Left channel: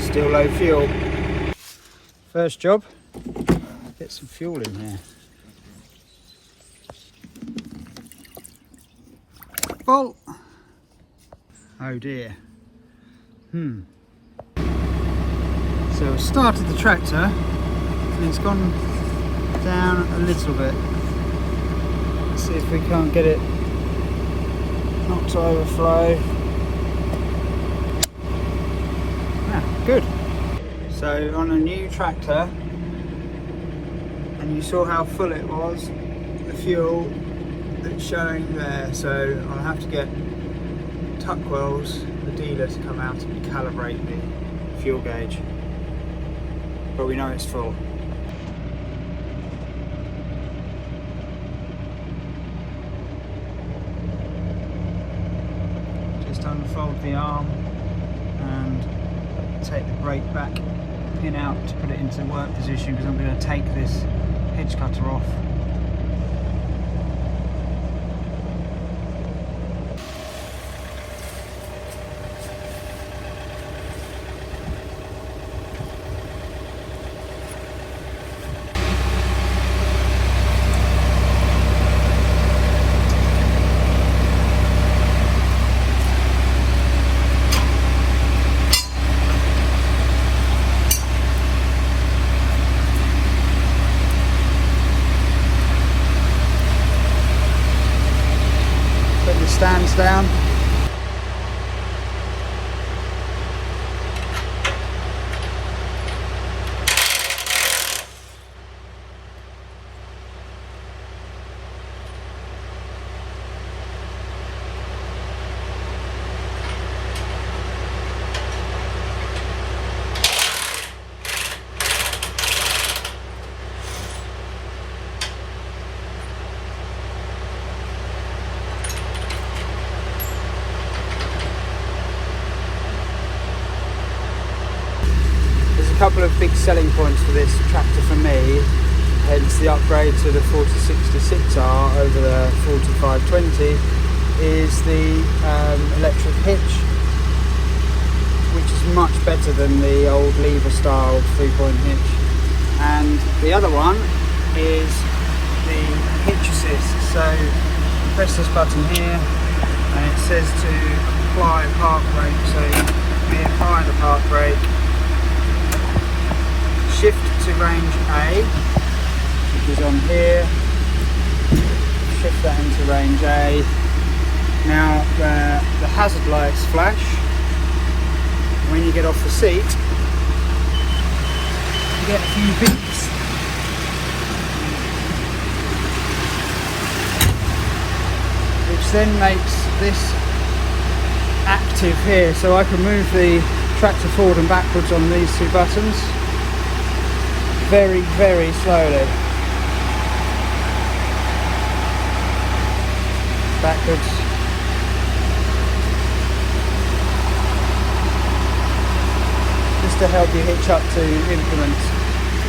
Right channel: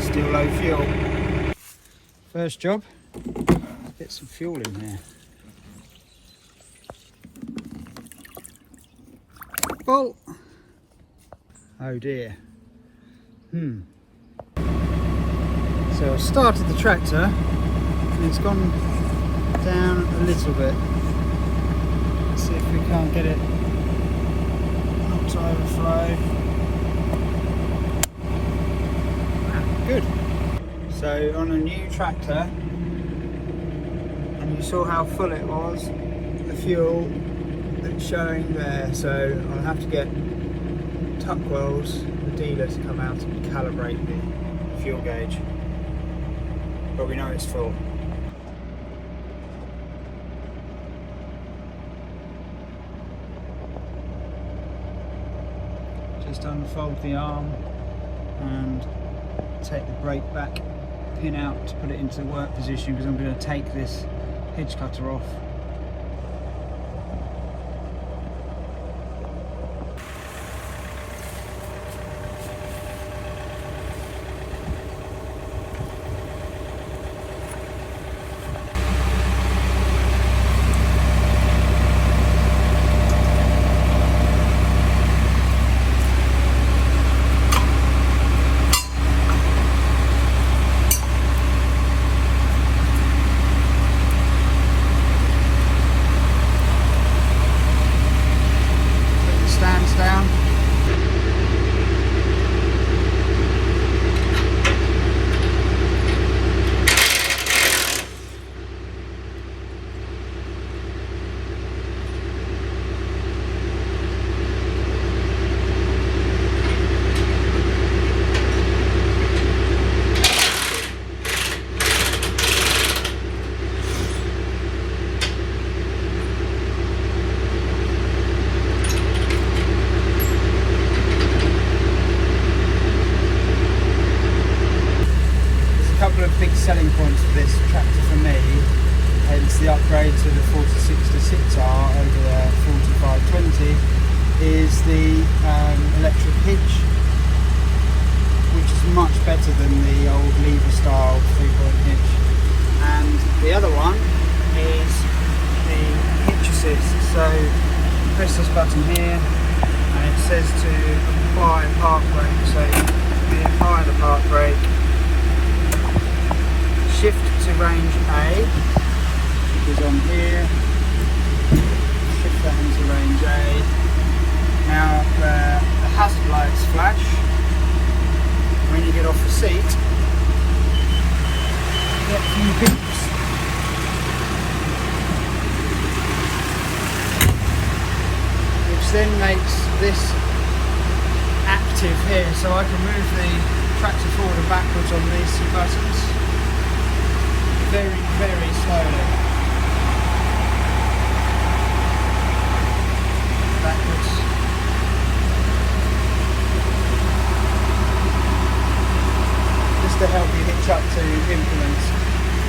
Still low fuel. First job, get some fuel in here. Oh! Oh dear. So I started the tractor and it's gone down a little bit. Let's see if we can't get it not to overflow. Good. So on a new tractor, and you saw how full it was, the fuel that's showing there. So I'll have to get Tuckwells, the dealer, to come out and calibrate the fuel gauge. But we know it's full. Just unfold the arm and take the brake back, pin out to put it into the work position, because I'm going to take this hedge cutter off. Stands down. Couple of big selling points for this tractor for me. It's the upgrade to the 4066R over the 4520 is the electric hitch, which is much better than the old lever style 3-point hitch. And the other one is the hitch assist. So you press this button here and it says to apply park brake. So we apply the park brake. Shift to range A is on here. Shift that into range A. Now the hazard lights flash. When you get off the seat, you get a few beeps. Which then makes this active here, so I can move the tractor forward and backwards on these two buttons. Very, very slowly. Backwards. Just to help you hitch up to implements.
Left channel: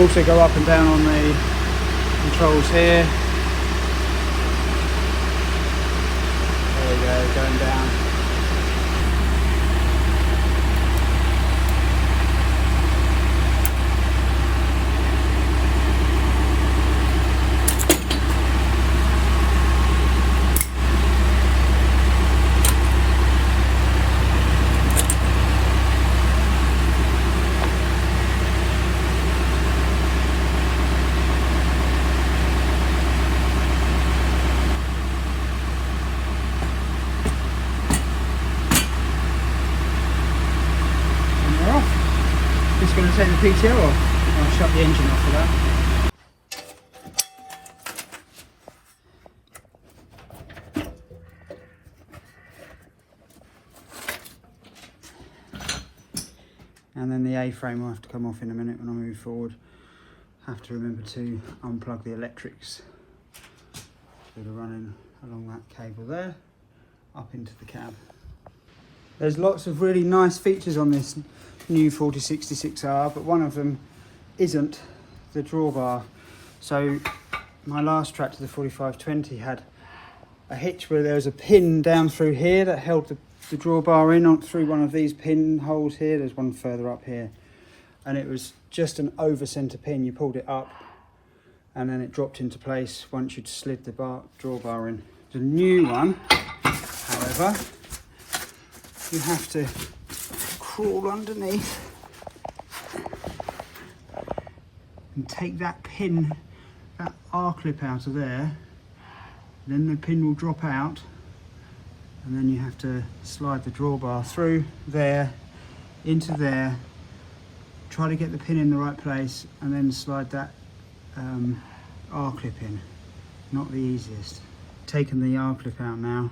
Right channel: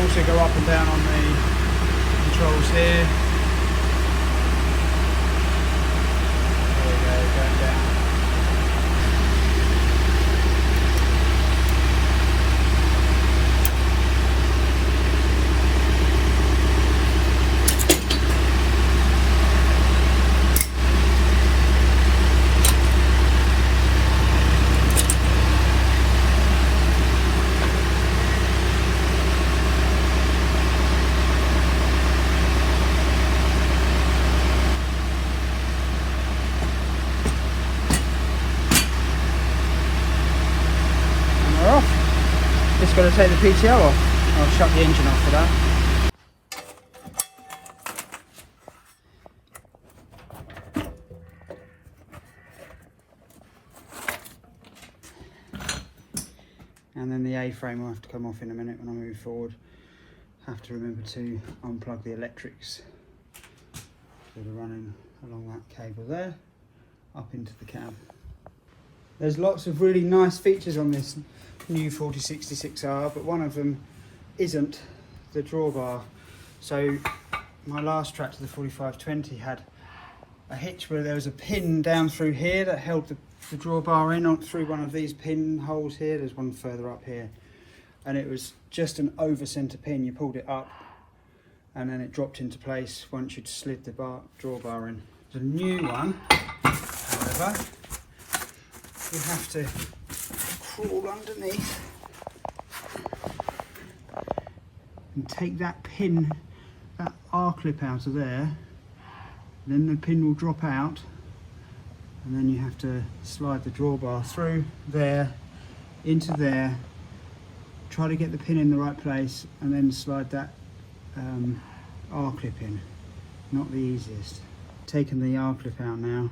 Also go up and down on the controls here. There you go, going down. Just going to take the PTO off. I'll shut the engine off for that. And then the A-frame will have to come off in a minute when I move forward. Have to remember to unplug the electrics that are running along that cable there, up into the cab. There's lots of really nice features on this new 4066R, but one of them isn't the drawbar. So my last tractor, the 4520, had a hitch where there was a pin down through here that held the the drawbar in through one of these pinholes here. There's one further up here, and it was just an over centre pin. You pulled it up and then it dropped into place once you'd slid the drawbar in. There's a new one, however, you have to crawl underneath and take that pin, that R-clip out of there, then the pin will drop out, and then you have to slide the drawbar through there, into there, try to get the pin in the right place, and then slide that R-clip in. Not the easiest. Taking the R-clip out now,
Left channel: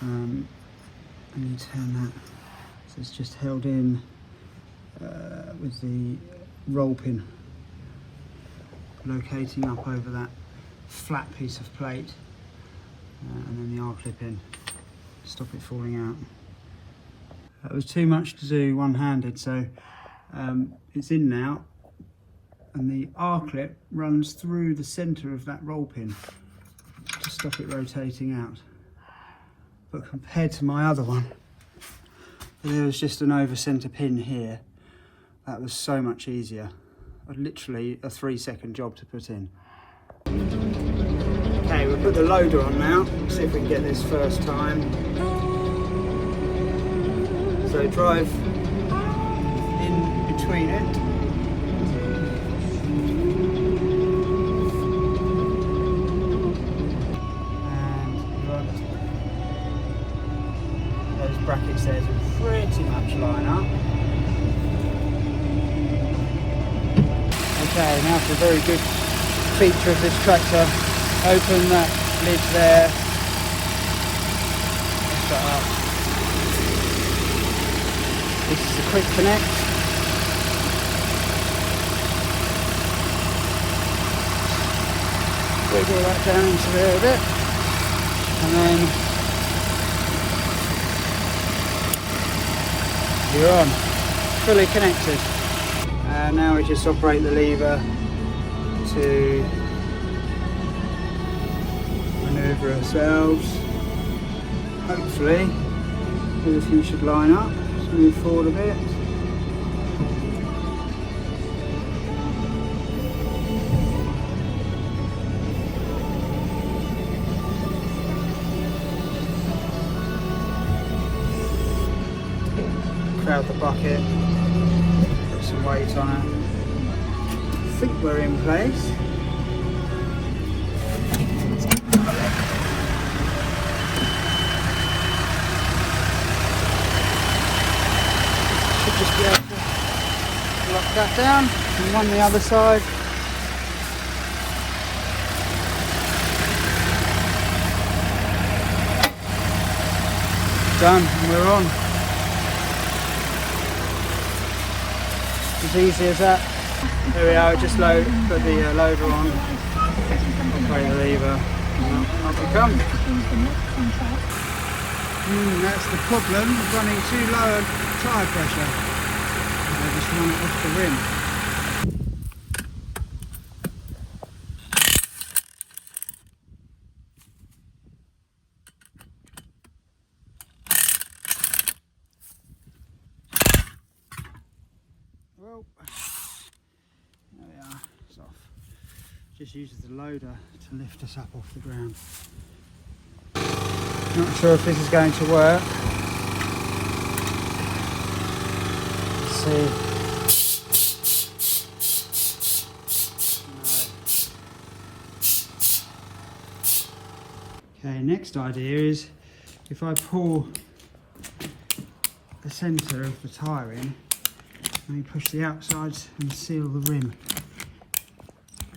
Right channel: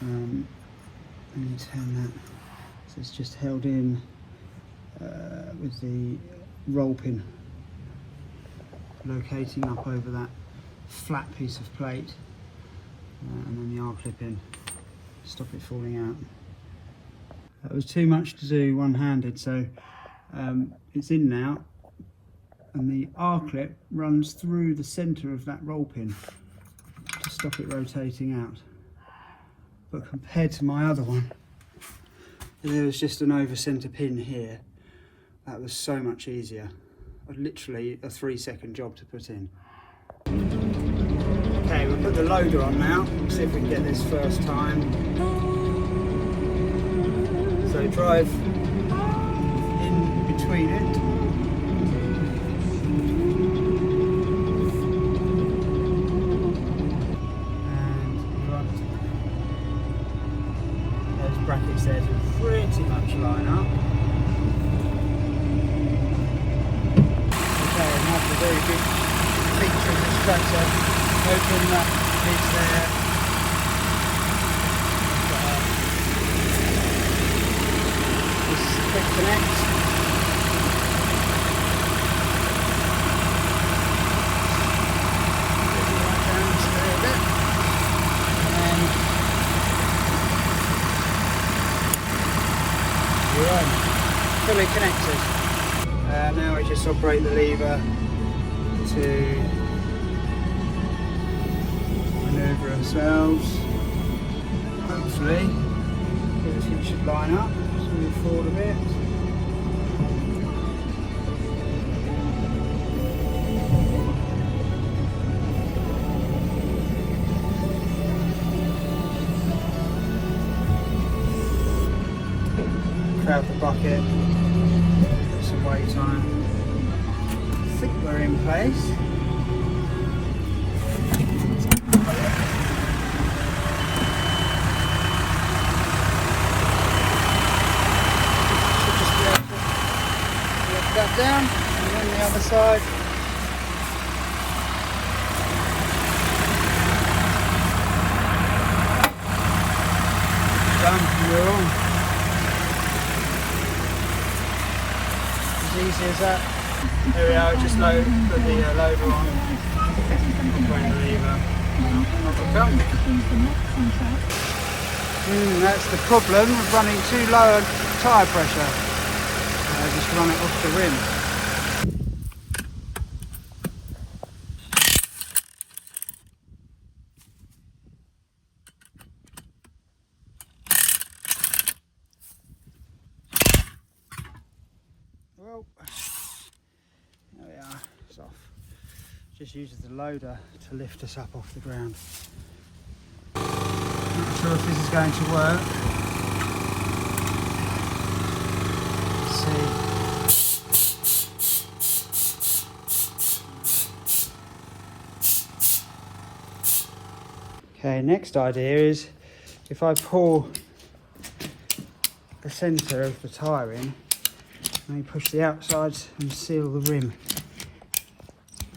and you turn that, so it's just held in with the roll pin locating up over that flat piece of plate, and then the R-clip in, stop it falling out. That was too much to do one-handed, so it's in now, and the R-clip runs through the centre of that roll pin to stop it rotating out. But compared to my other one, there was just an over centre pin here. That was so much easier. Literally a 3-second job to put in. Okay, we'll put the loader on now, see if we can get this first time. So drive in between it. And you want those brackets there to pretty much line up. Very good feature of this tractor. Open that lid there. Quick connect. Wiggle that down into there a bit. And then you're on. Fully connected. Now we just operate the lever to manoeuvre ourselves. Hopefully everything should line up. Let's move forward a bit. Crowd the bucket, put some weight on it. I think we're in place. Lock that down and on the other side. Done, we're on. As easy as that. There we are, just put the loader on, operate the lever, and up we come. That's the problem of running too low tyre pressure. Just run it off the rim. Well, there we are, it's off. Just uses the loader to lift us up off the ground. Not sure if this is going to work. Let's see. No. Okay, next idea is if I pull the centre of the tyre in, and you push the outsides and seal the rim.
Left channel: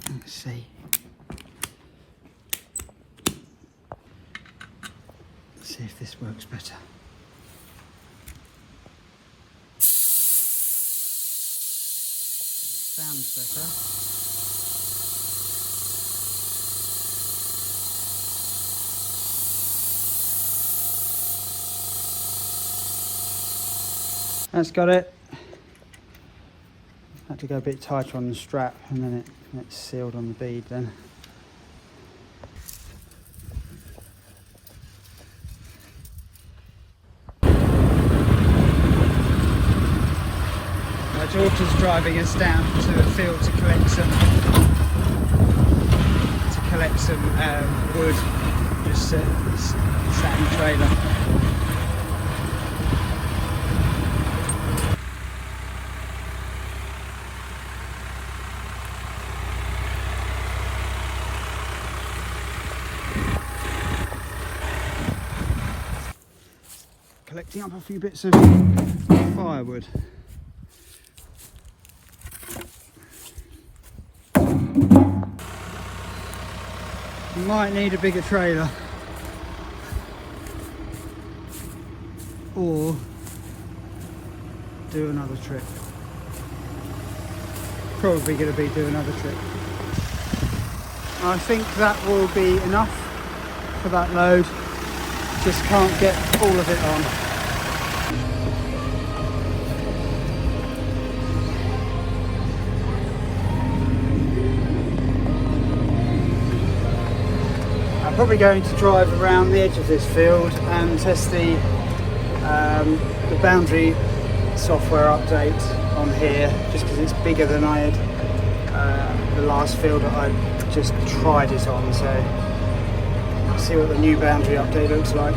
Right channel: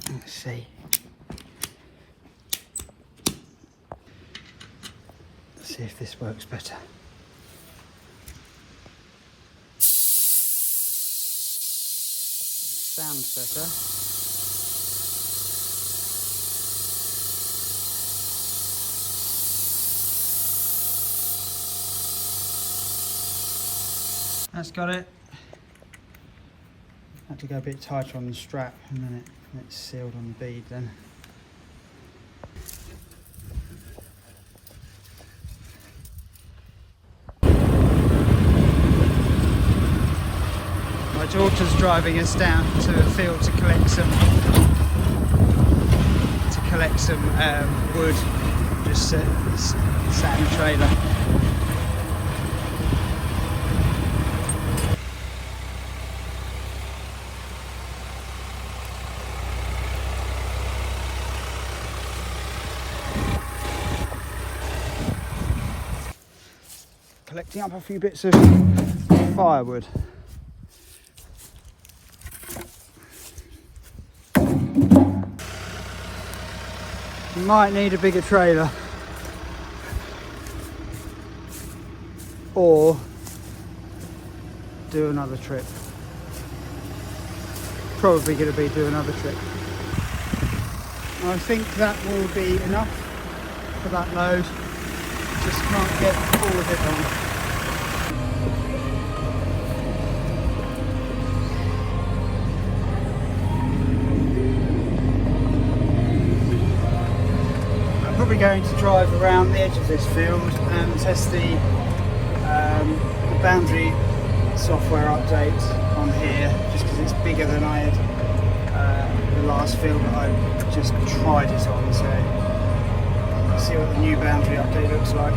Let's see. Let's see if this works better. Sounds better. That's got it. Had to go a bit tighter on the strap, and then it's sealed on the bead then. driving us down to a field to collect some wood. Just sat in the trailer. Collecting up a few bits of firewood. Might need a bigger trailer, or do another trip. Probably going to be do another trip. I think that will be enough for that load. Just can't get all of it on. I'm probably going to drive around the edge of this field and test the boundary software update on here, just because it's bigger than I had the last field that I just tried it on. So see what the new boundary update looks like.